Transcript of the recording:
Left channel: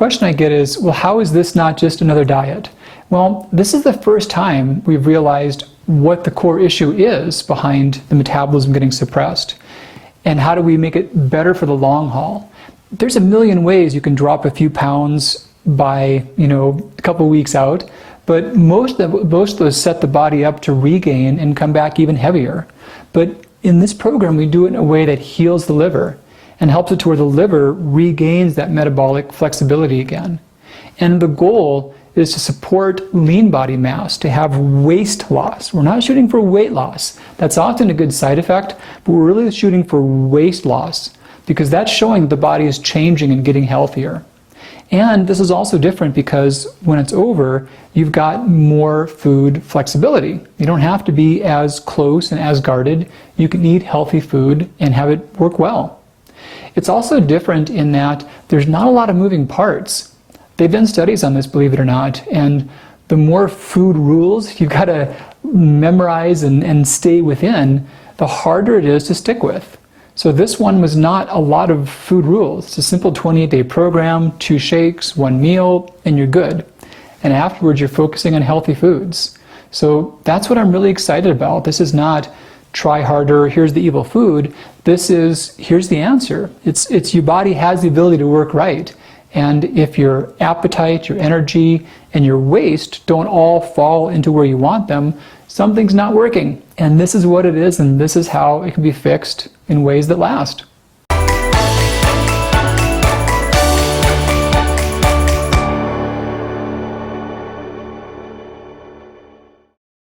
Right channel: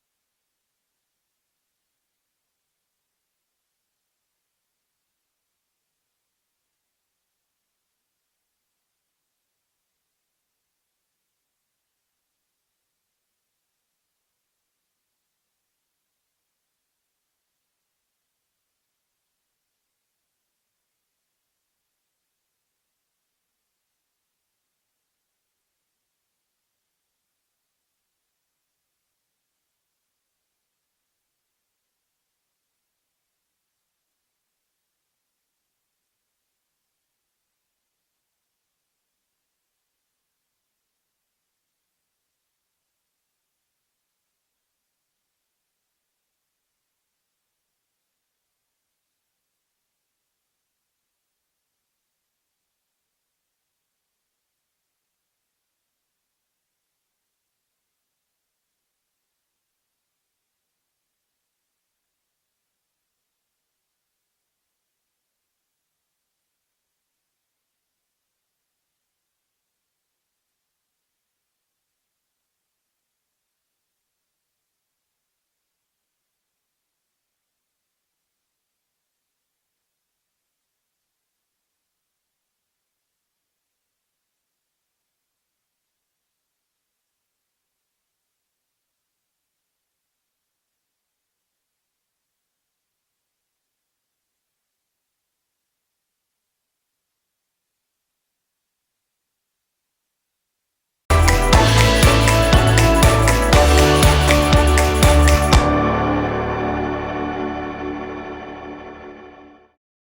question I get is, well, how is this not just another diet? Well, this is the first time we've realized what the core issue is behind the metabolism getting suppressed. And how do we make it better for the long haul? There's a million ways you can drop a few pounds by, a couple weeks out, but most of those set the body up to regain and come back even heavier. But in this program, we do it in a way that heals the liver and helps it to where the liver regains that metabolic flexibility again. And the goal is to support lean body mass, to have waist loss. We're not shooting for weight loss. That's often a good side effect, but we're really shooting for waist loss because that's showing the body is changing and getting healthier. And this is also different because when it's over, you've got more food flexibility. You don't have to be as close and as guarded. You can eat healthy food and have it work well. It's also different in that there's not a lot of moving parts. They've done studies on this, believe it or not, and the more food rules you've got to memorize and stay within, the harder it is to stick with. So this one was not a lot of food rules. It's a simple 28-day program, 2 shakes, 1 meal, and you're good. And afterwards, you're focusing on healthy foods. So that's what I'm really excited about. This is not try harder, here's the evil food. This is, here's the answer. It's your body has the ability to work right. And if your appetite, your energy, and your waist don't all fall into where you want them, something's not working. And this is what it is, and this is how it can be fixed in ways that last.